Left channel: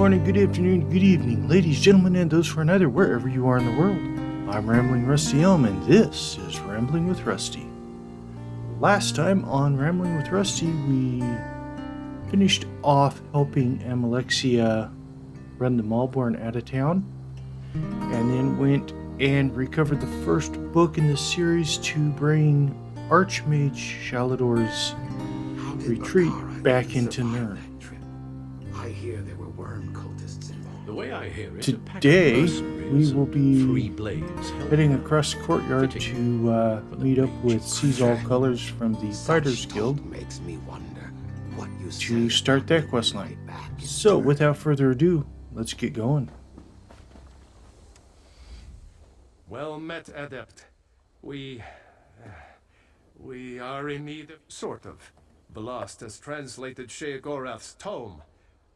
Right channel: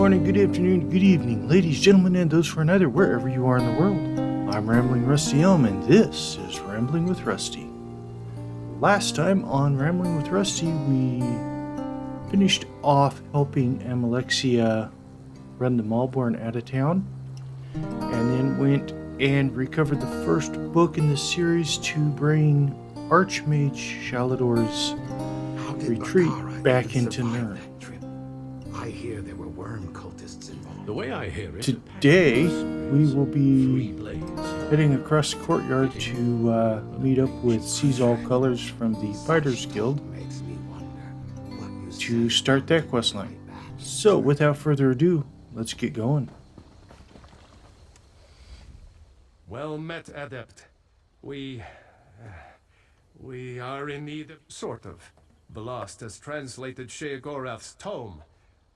morning, good afternoon, good evening, ladies, gentlemen, and those for neither, wherever you are in the world. I'm Rambling Rusty Elm, and this is Rambling with Rusty. Last time on Rambling with Rusty, we finished off helping Alexia run the Malborn out of town, and then went and recovered the first book in the series to bring Archmage Shalador's retreat back into Nirn. The way I hear it, today, we will be heading across the courtyard to meet up with Seize All Colors from the Fighters Guild to start that quest line. So, without further ado, let's get going. Well met, Adept. We are in need of... sort of. Velost has translated Sheogorath's tome,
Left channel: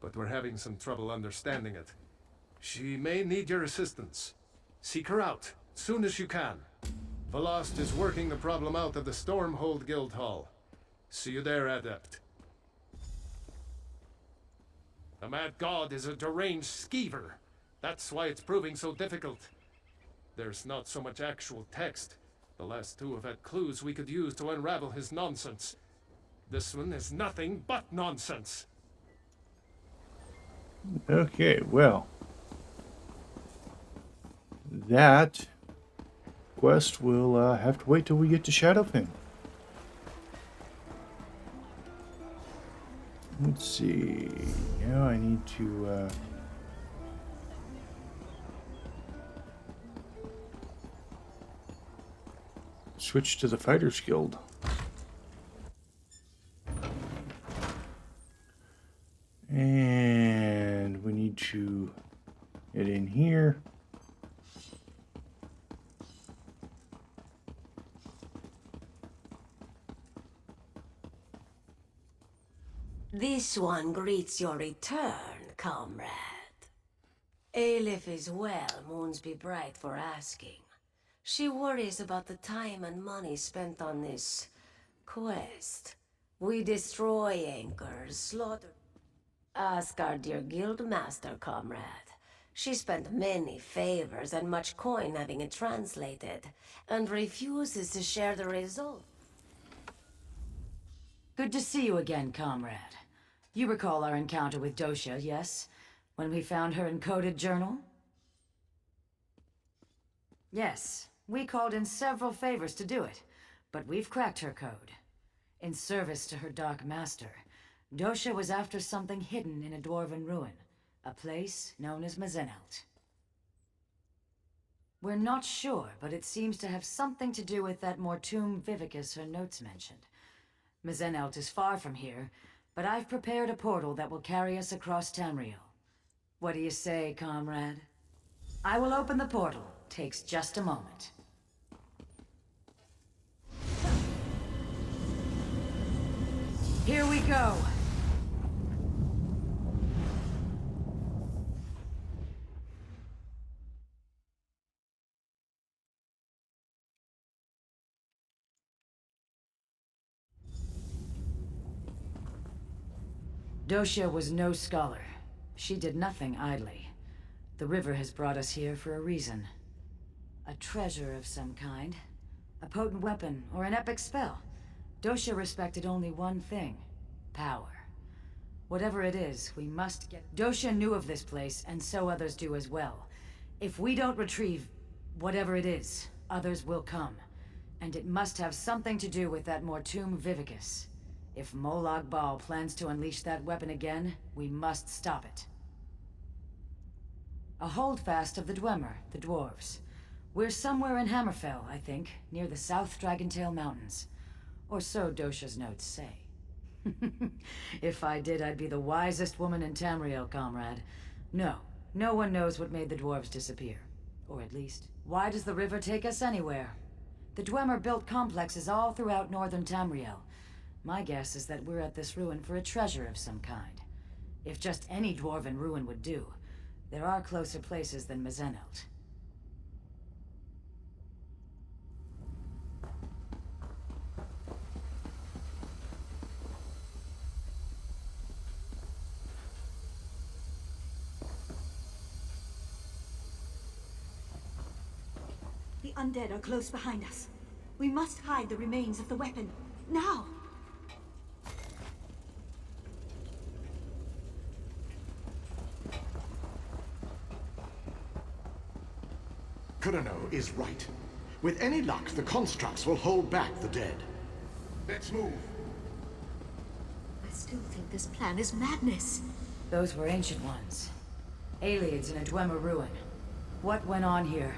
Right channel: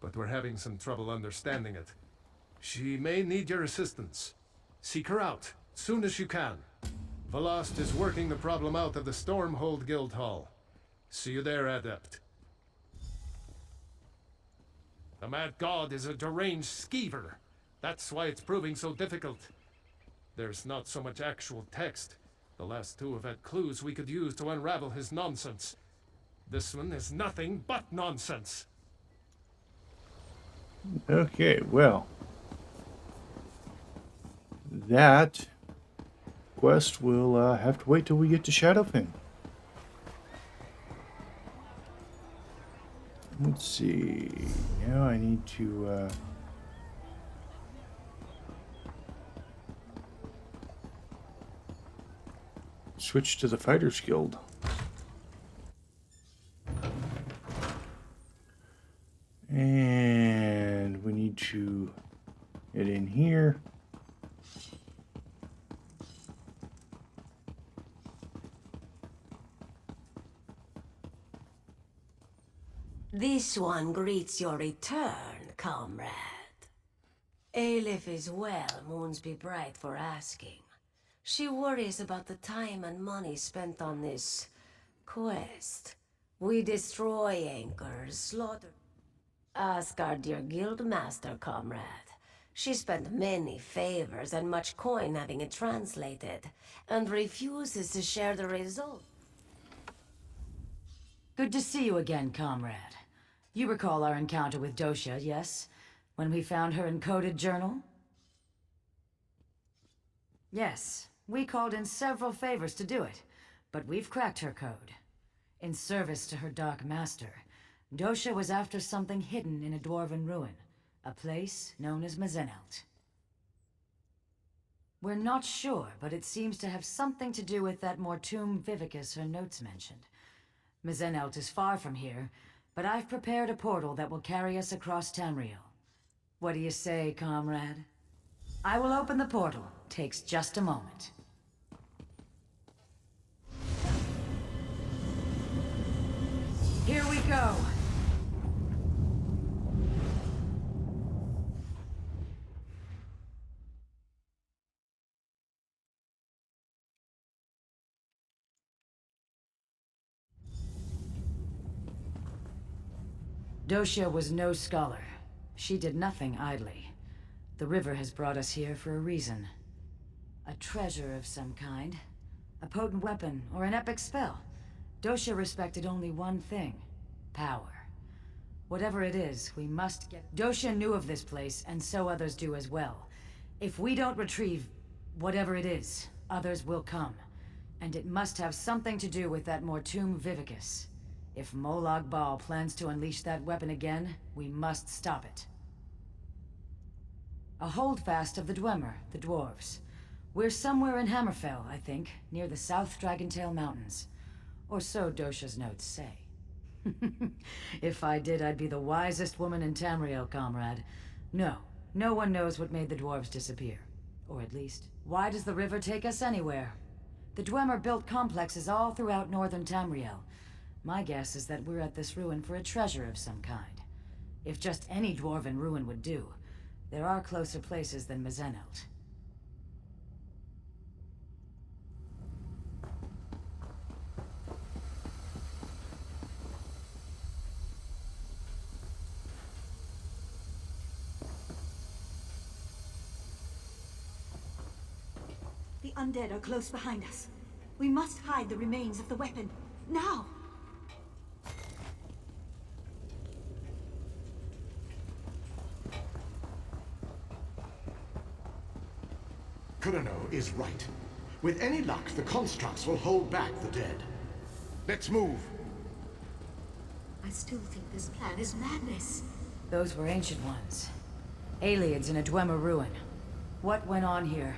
but we're having some trouble understanding it. She may need your assistance. Seek her out, soon as you can. Velost is working the problem out of the Stormhold Guild Hall. See you there, Adept. The Mad God is a deranged skeever. That's why it's proving so difficult. There's not so much actual text. The last two have had clues we could use to unravel his nonsense. This one is nothing but nonsense. Okay, well, that quest will have to wait till we get to Shadowfin. Let's see. Now I need to switch to the Fighters Guild. And we need to get in here. This one greets your return, comrade. Aelif is well, moons be bright for asking. She worries about the time and money spent on this quest. We destroy anchors, slaughter... Ask our dear guild master, comrade. She spent many favors and much coin having it translated, and refuses to share the result. Good to see you again, comrade. You recall our encounter with Dosha, yes? When we found her encoded journal? Yes, we called in several favors to do it, but we've cracked her code. In service to her Dark Master, Dosha was after something hidden in a dwarven ruin, a place known as Mzeneldt. We're not sure, but it seems to have something to do with that Mortem Vivicus her notes mentioned. Mzeneldt is far from here, but I've prepared a portal that will carry us across Tamriel. What do you say, comrade? I will open the portal. Takes just a moment. Here we go! Dosha was no scholar. She did nothing idly. The river has brought us here for a reason. A treasure of some kind. A potent weapon or an epic spell. Dosha respected only one thing. Power. Whatever it is, we must get... Dosha knew of this place, and so others do as well. If we don't retrieve whatever it is, others will come. And it must have something to do with that Mortem Vivicus. If Molag Bal plans to unleash that weapon again, we must stop it. A holdfast of the dweamer, the dwarves. We're somewhere in Hammerfell, I think, near the South Dragontail Mountains. Or so Dosha's notes say. If I did, I'd be the wisest woman in Tamriel, comrade. No, no one knows what made the dwarves disappear. Or at least, why does the river take us anywhere? The dweamer built complexes all throughout northern Tamriel. My guess is that we're at this ruin for a treasure of some kind. If just any dwarven ruin would do, there are closer places than Mzeneldt. undead are close behind us. We must hide the remains of the weapon. Now! Kurano is right. With any luck, the constructs will hold back the dead. Let's move. I still think this plan is madness. Those were ancient ones. Aliens in a dweamer ruin. What went on here?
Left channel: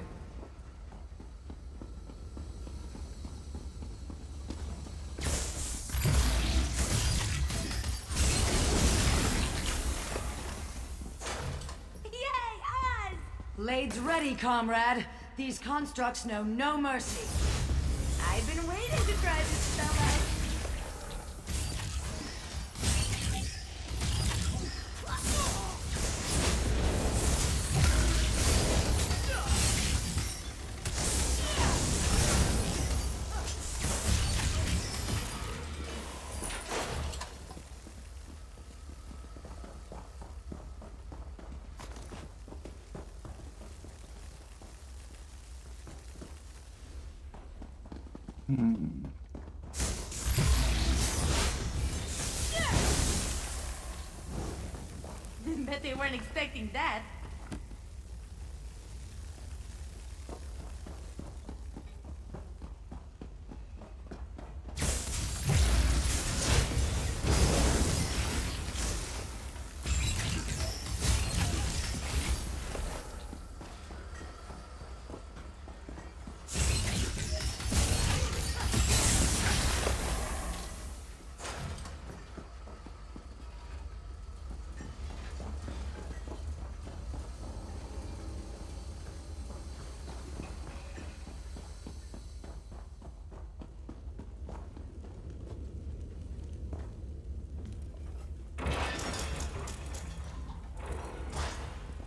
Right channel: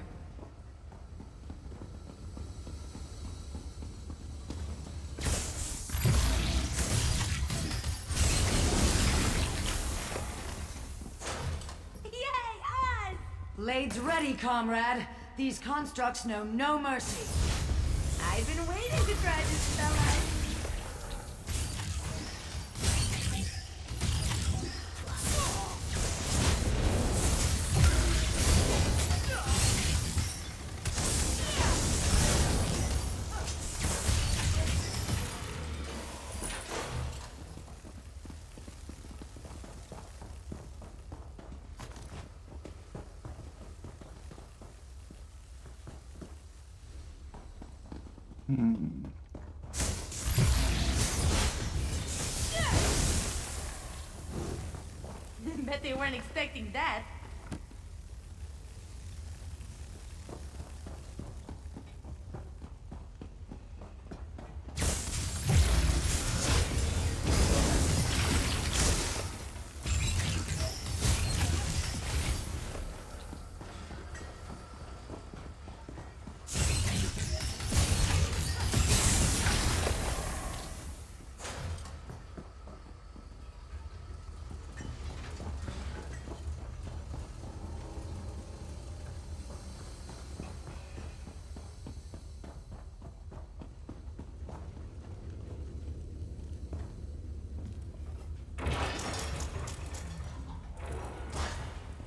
Yay, us! Blades ready, comrade. These constructs know no mercy. I've been waiting to try this spell out. Bet they weren't expecting that.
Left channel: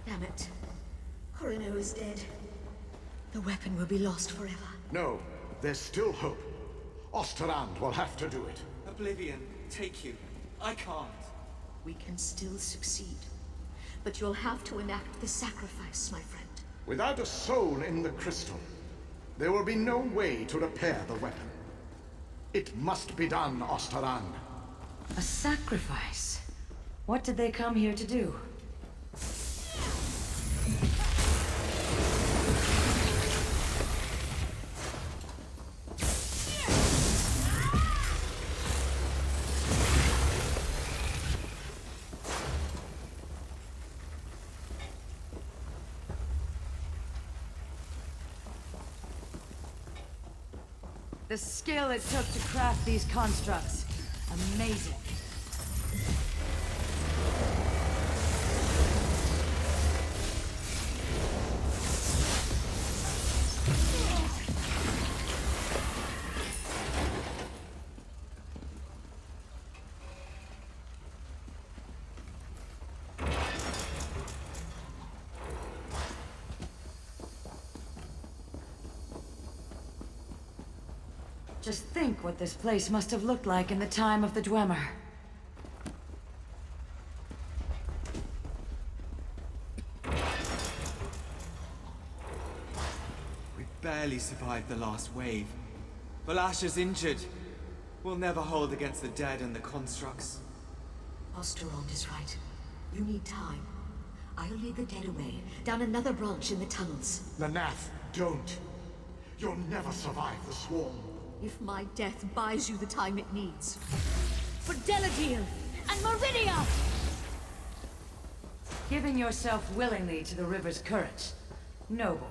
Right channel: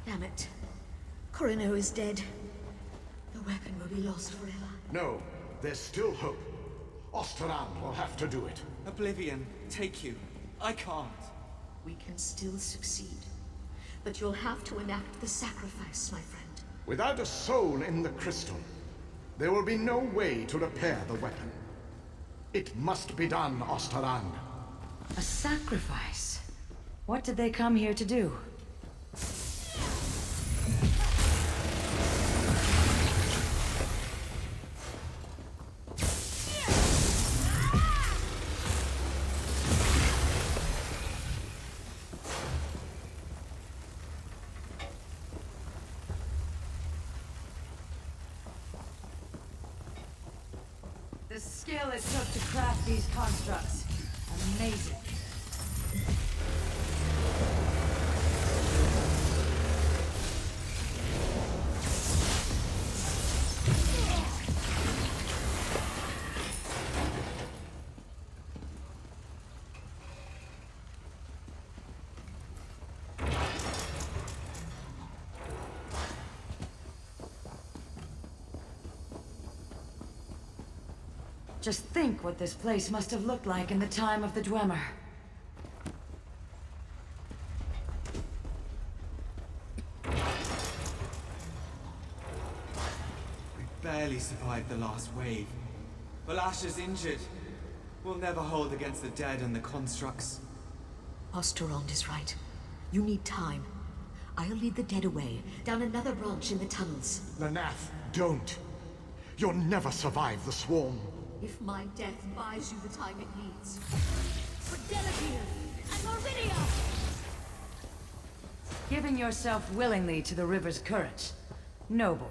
Damn it. Kurano is dead. The weapon will be lost forever. No, there's still hope. Osterrand will have to do it. Oblivion, take you. I can't. We can still succeed. But you'll have to enact the sacrifice, my friend. Without a soul in the crystal, there will be no way to repair the weapon. It must be done, Osterrand. A sacrifice? What did they come here to do? The skill it took to craft these constructs. Amazing. Just think what this place must have looked like in the time of the Dwemer. We barely survived the last wave. Balasha's injured. We'll never hold against the dead and the constructs. Osterrand is right. You need time. I'll lead the dead away, down another branch in the tunnels. Lanath, don't. You'll never survive the swarm. If my death buys you the time it needs. For Deladil and Meridia! Giving yourself willingly to the river's current. Noble.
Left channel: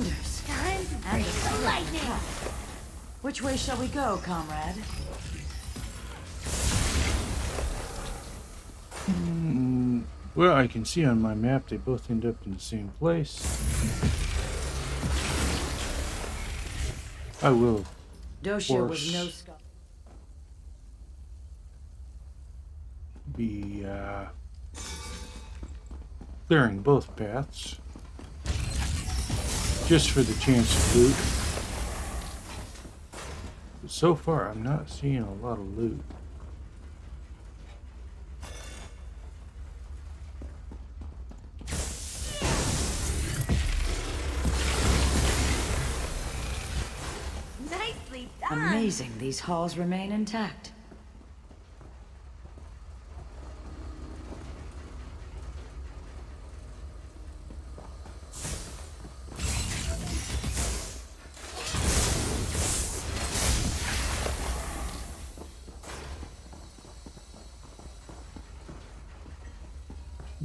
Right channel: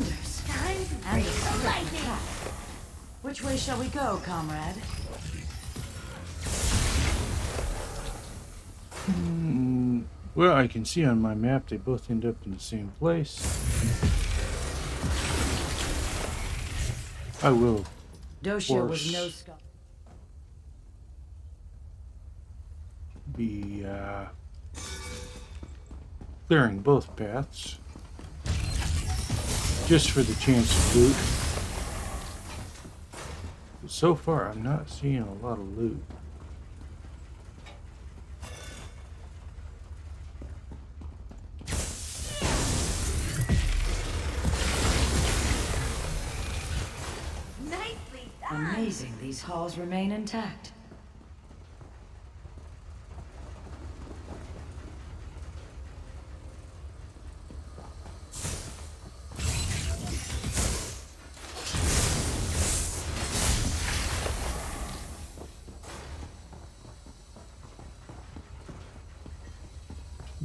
wonders. Time to And break the lightning! which way shall we go, comrade? Well, I can see on my map they both end up in the same place. I will, Doshia was course. no scholar. Be clearing both paths just for the chance of loot. But so far, I'm not seeing a lot of loot. Nicely done! Amazing these halls remain intact.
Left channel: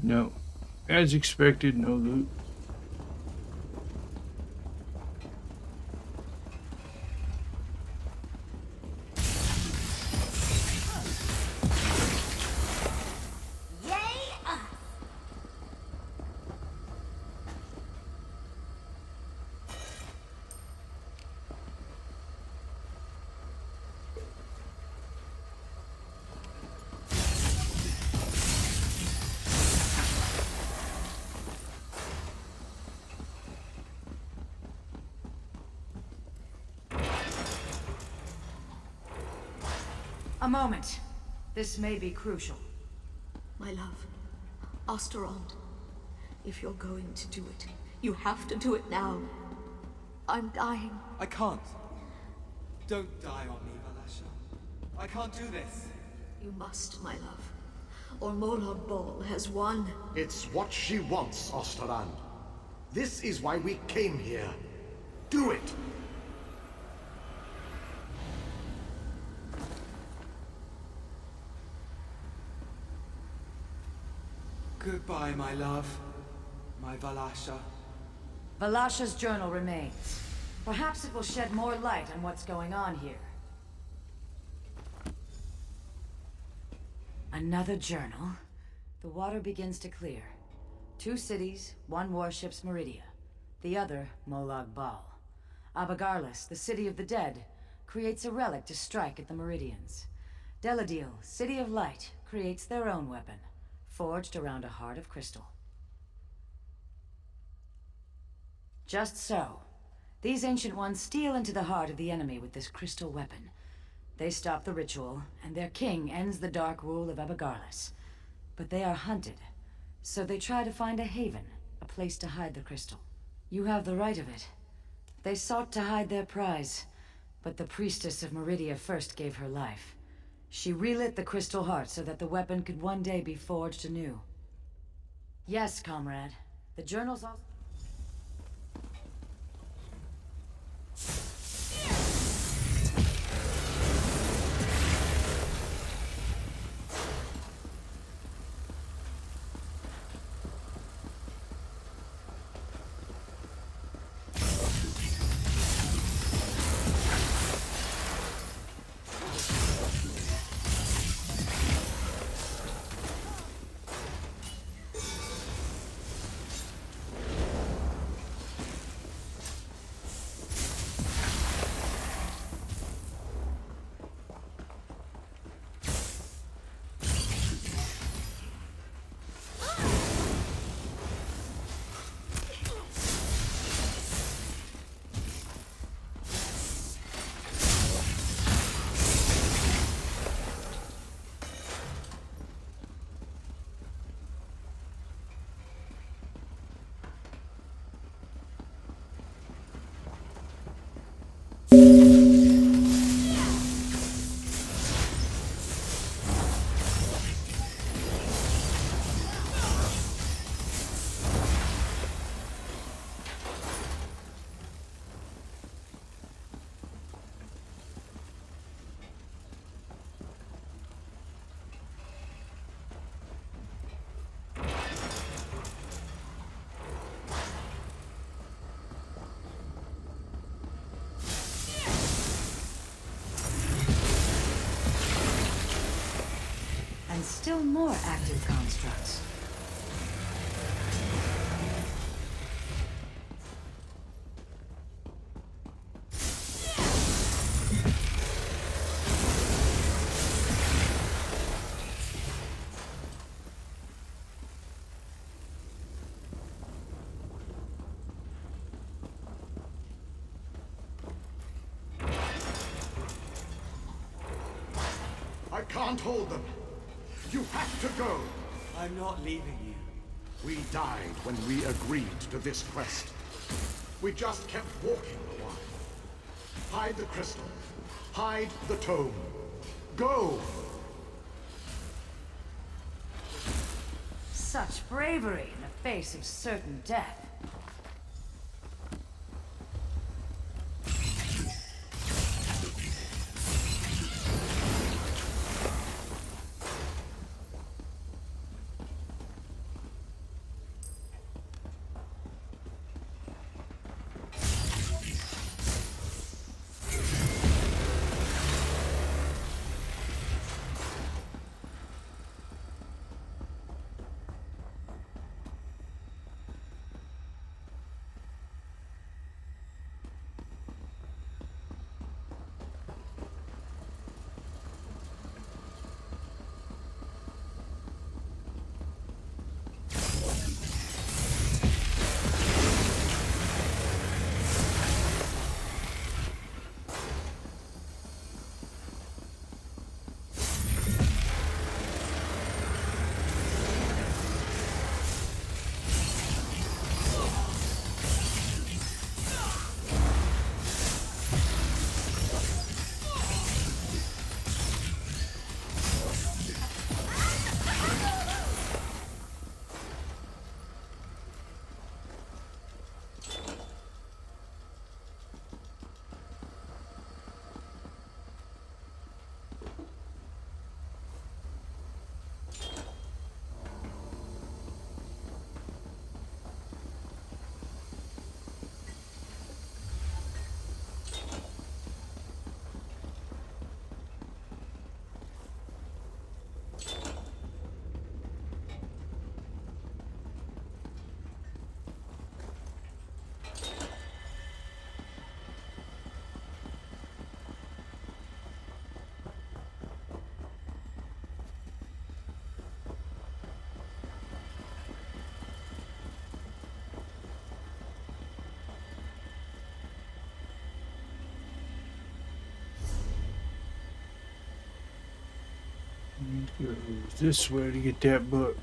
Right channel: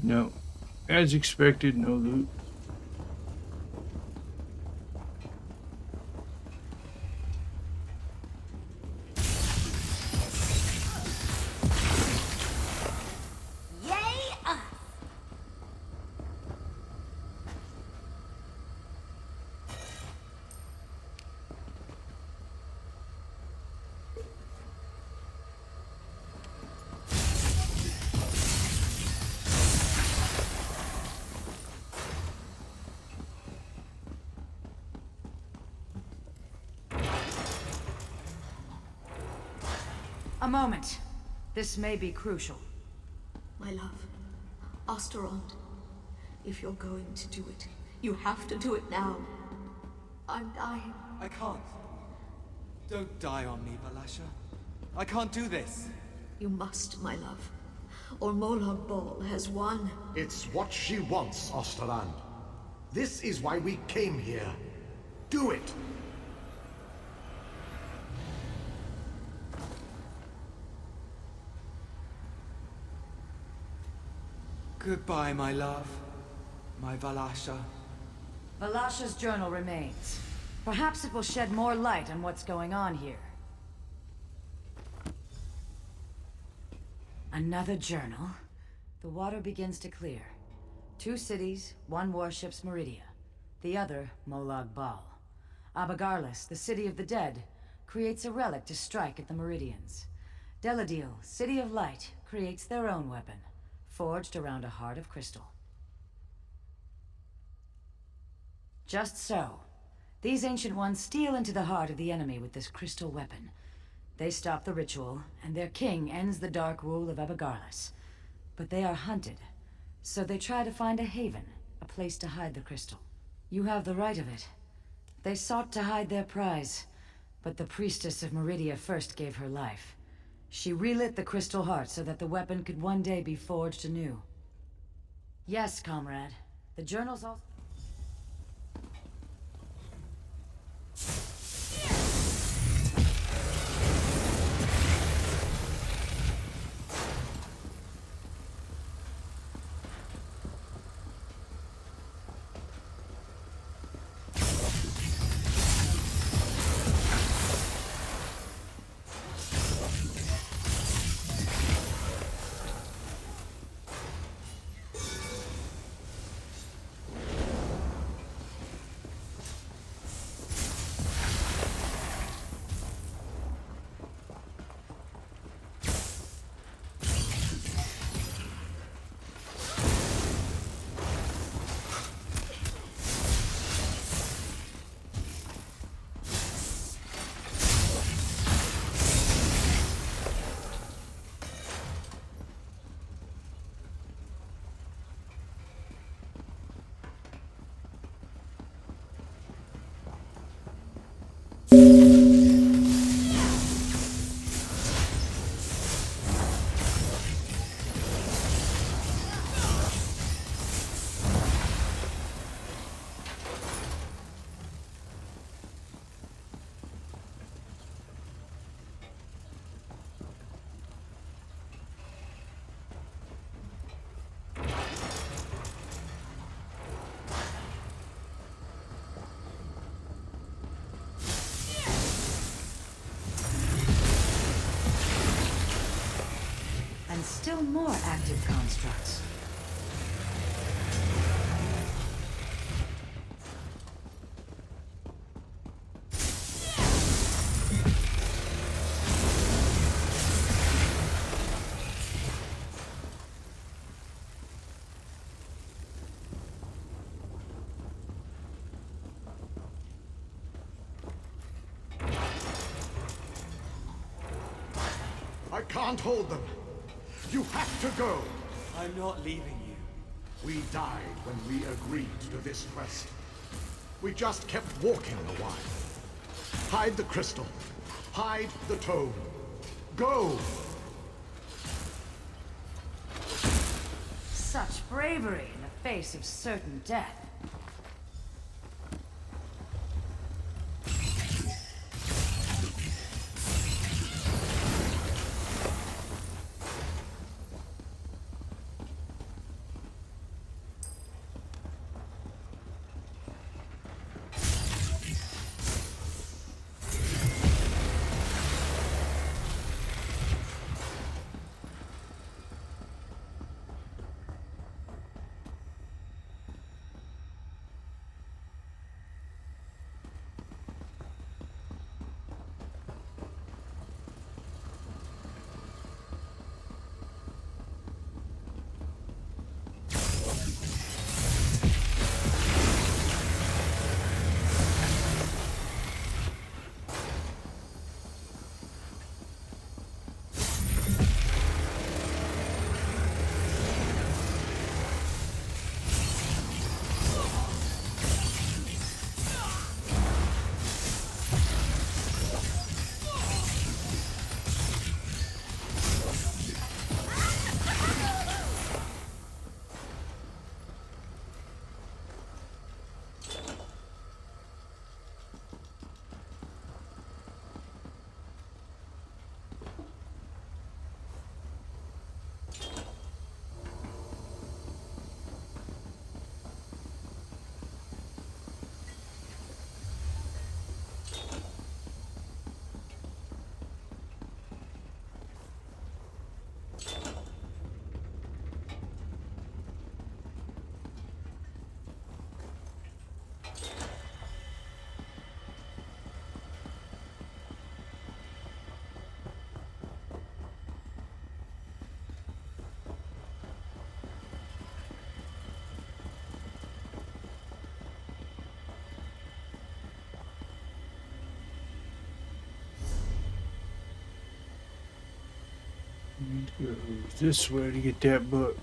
No. As expected, no loot. Yay! A moment. This may be crucial. My love, Osterond, if you're going to do it, you have to do it now. I'm dying. I can't. Don't die on me, Valasha. I can't do this. You must, my love. Or Molag Bal has won. It's what she wants, Osterland. This is why we came here. Do it! Goodbye, my love. My Valasha. Valasha's journal remains. Perhaps it will shed more light on what's going on here. Another journal. The water begins to clear. 2 cities, 1 warship's Meridia. The other, Molag Bal. Abagarlis, the city of the dead, creates a relic to strike at the Meridians. Deladil, city of light, creates their own weapon, forged around a heart of crystal. Just so. These ancient ones steal into the heart of the enemy with this crystal weapon. They stop the ritual, and their king ends the dark rule of Abagarlis. But they are hunted, so they try to find a haven, a place to hide the crystal. You have the right of it. They sought to hide their prize, but the priestess of Meridia first gave her life. She relit the crystal heart so that the weapon could one day be forged anew. Yes, comrade. The journals also... still more active constructs. I can't hold them. You have to go. I'm not leaving you. We died when we agreed to this quest. We just kept walking a while. Hide the crystal. Hide the tome. Go! Such bravery in the face of certain death. Need to go this way to get that book.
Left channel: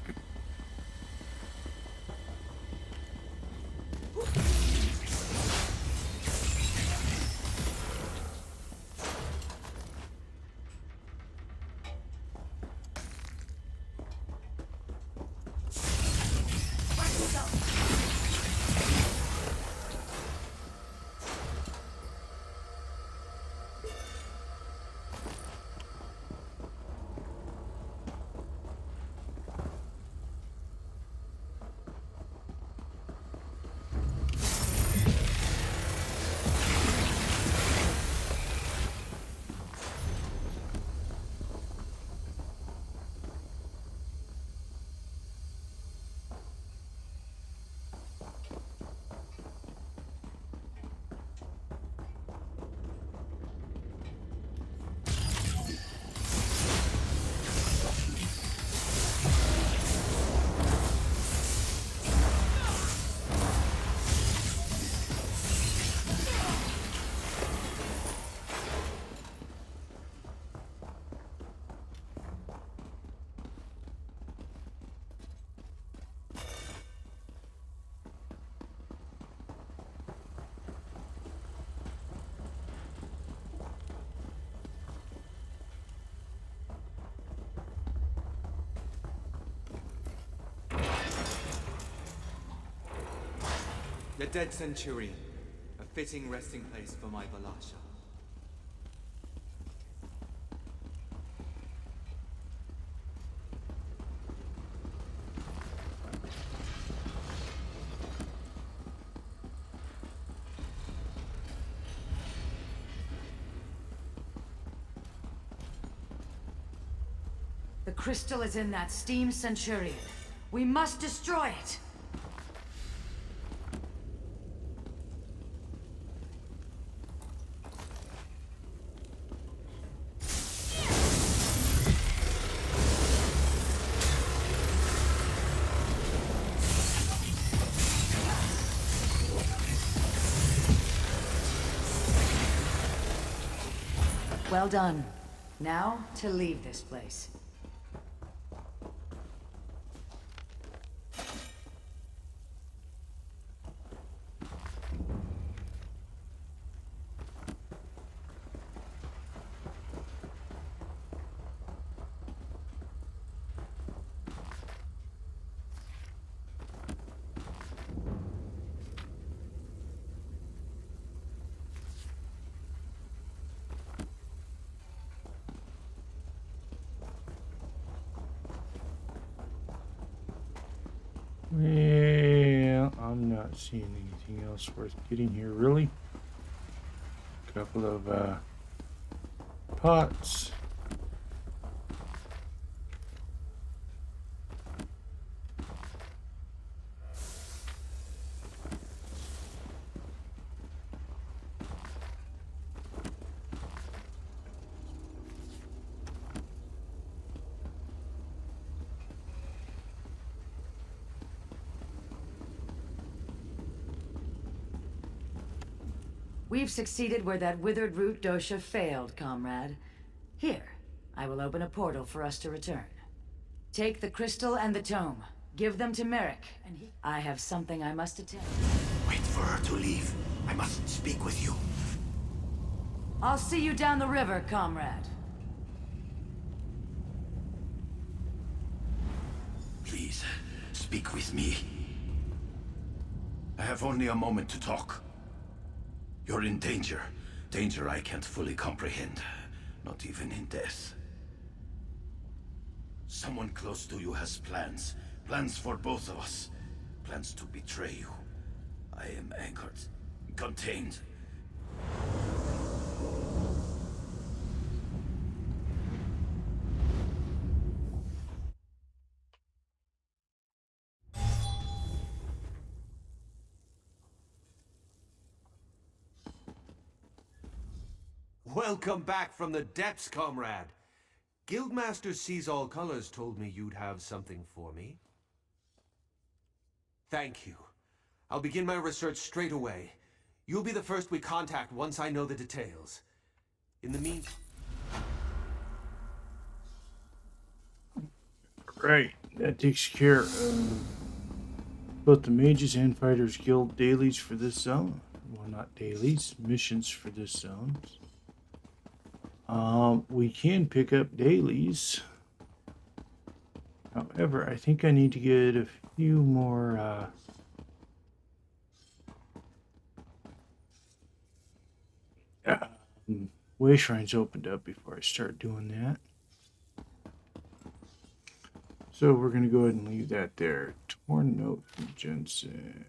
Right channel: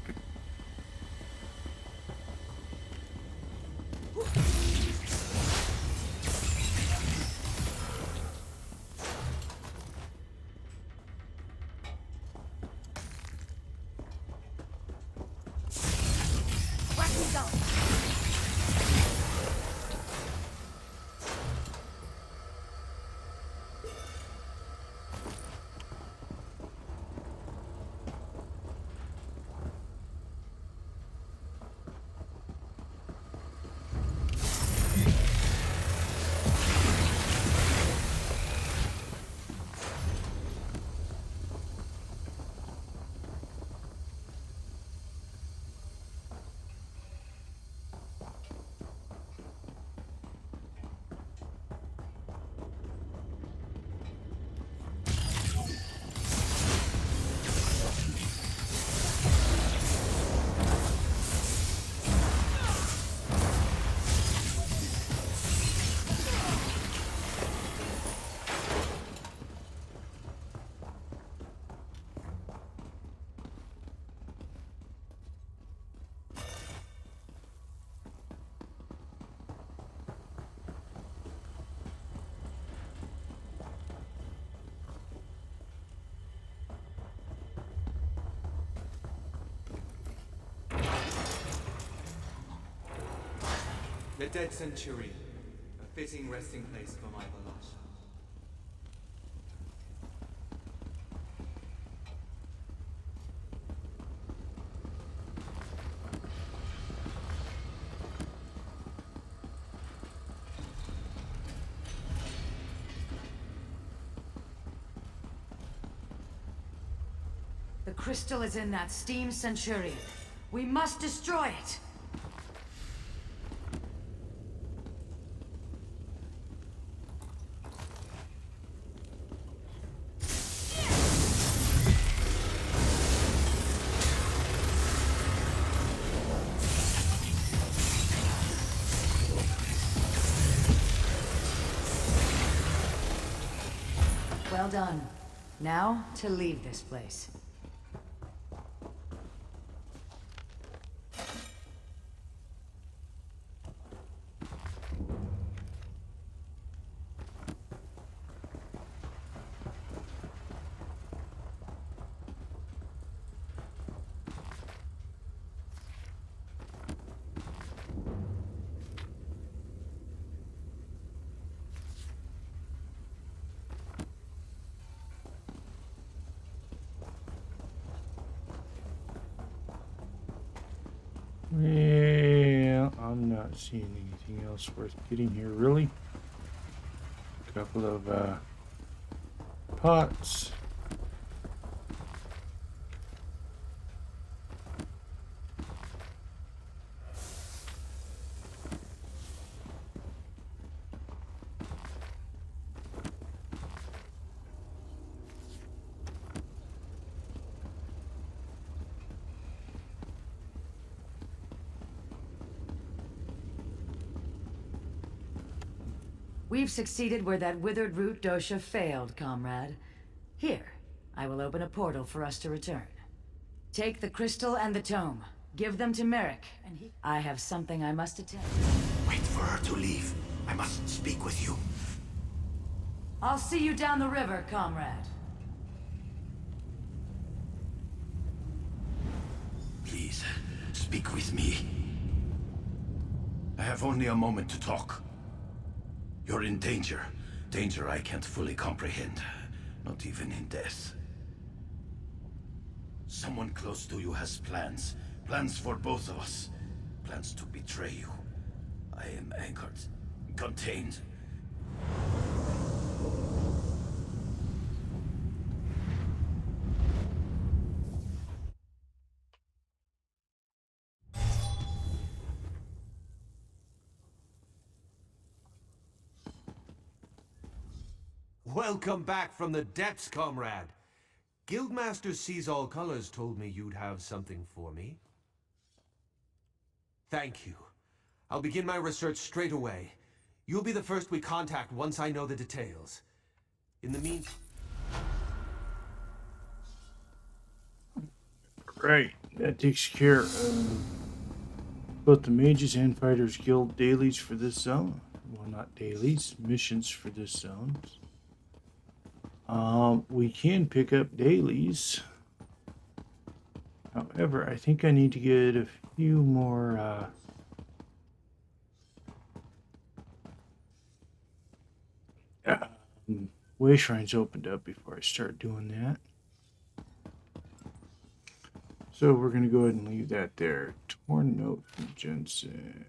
The dead Centurion, a fitting resting place for my Valasha. The The crystal is in that steam Centurion. We must destroy it! Well done. Now, to leave this place. Well, I'm not seeing anything else worth getting here, really. A couple of pots. We've succeeded where that withered root dosha failed, comrade. Here, I will open a portal for us to return. Take the crystal and the tome. Give them to Merrick, and I have something I must attend. Wait for her to leave. I must speak with you. I'll see you down the river, comrade. Please, speak with me. I have only a moment to talk. You're in danger. Danger I can't fully comprehend. Not even in death. Someone close to you has plans. Plans for both of us. Plans to betray you. I am anchored. Contained. Welcome back from the depths, comrade. Guildmaster Sees All Colors told me you'd have something for me. Thank you. I'll begin my research straight away. You'll be the first we contact once I know the details. In the meantime... Right, that takes care of both the Mages and Fighters Guild dailies for this zone. Well, not dailies, missions for this zone. We can pick up dailies. However, I think I need to get a few more way shrines opened up before I start doing that. So we're going to go ahead and leave that there. Torn note from Jensen.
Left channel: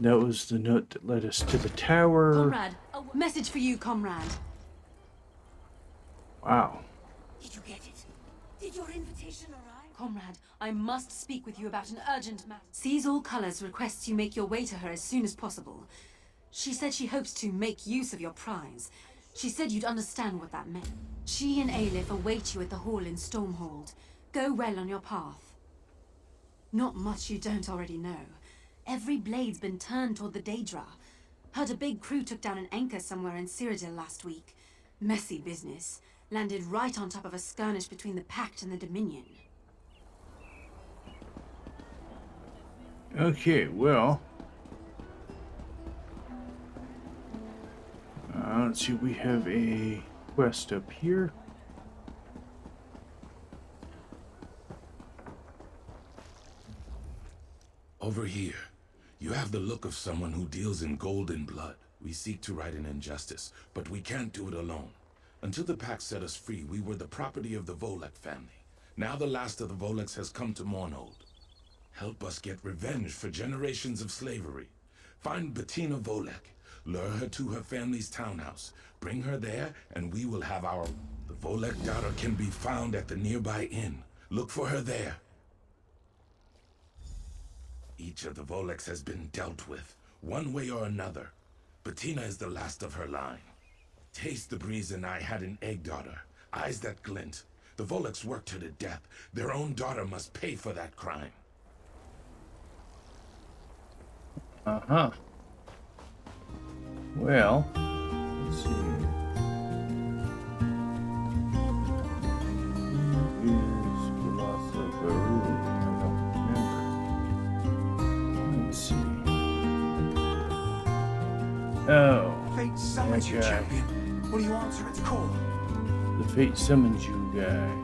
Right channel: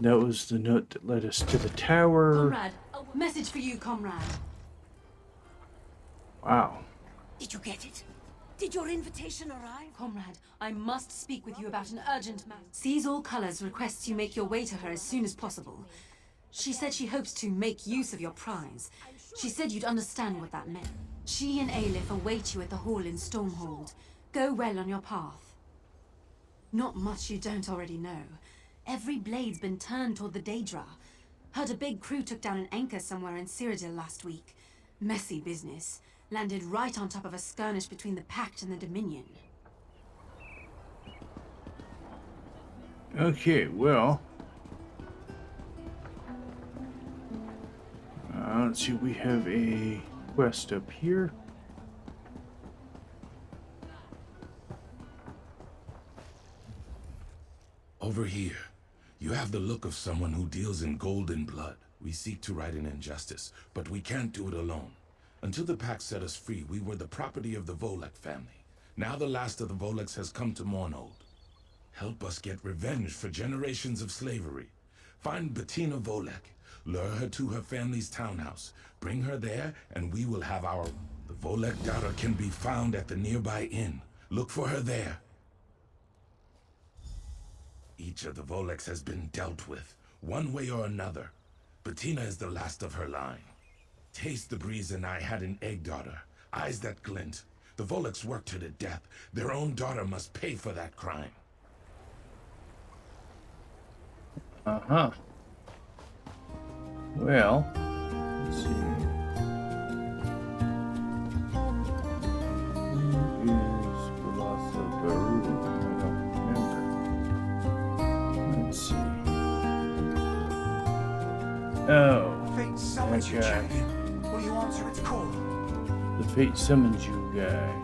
That was the note that led us to the tower. Comrade, a message for you, comrade. Wow. Did you get it? Did your invitation arrive? Comrade, I must speak with you about an urgent matter. Sees All Colors requests you make your way to her as soon as possible. She said she hopes to make use of your prize. She said you'd understand what that meant. She and Aelif await you at the hall in Stormhold. Go well on your path. Not much you don't already know. Every blade's been turned toward the Daedra. Heard a big crew took down an anchor somewhere in Cyrodiil last week. Messy business. Landed right on top of a skirmish between the Pact and the Dominion. Okay, well. Let's see, we have a quest up here. Over here. You have the look of someone who deals in gold and blood. We seek to right an injustice, but we can't do it alone. Until the Pact set us free, we were the property of the Volek family. Now the last of the Voleks has come to Mournhold. Help us get revenge for generations of slavery. Find Bettina Volek. Lure her to her family's townhouse. Bring her there, and we will have our... The Volek daughter can be found at the nearby inn. Look for her there. Each of the Voleks has been dealt with, one way or another. Bettina is the last of her line. Taste the breeze and I had an egg daughter. Eyes that glint. The Voleks worked her to death. Their own daughter must pay for that crime. Uh-huh. Well, let's see. Who is Velasa Baru? I don't remember. Let's see. Oh, Fate that summons you, guy. champion. Will you answer its call? The fate summons you guy.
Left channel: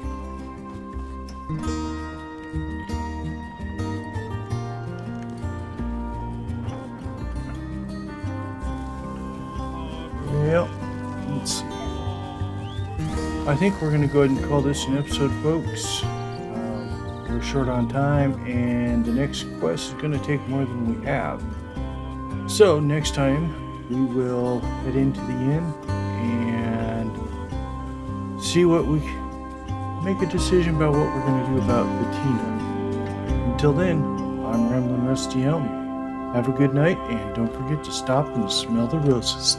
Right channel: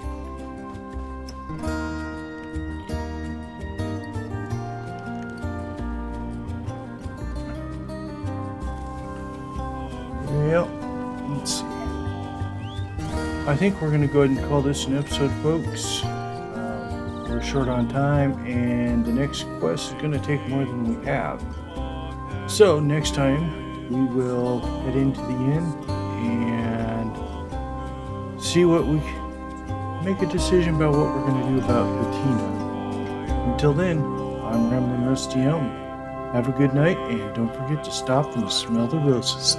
Well, let's see. I think we're going to go ahead and call this an episode, folks. We're short on time, and the next quest is going to take more than we have. So, next time, we will head into the inn and see what we... make a decision about what we're going to do about Bettina. Until then, I'm Rambling Rusty Elm. Have a good night, and don't forget to stop and smell the roses.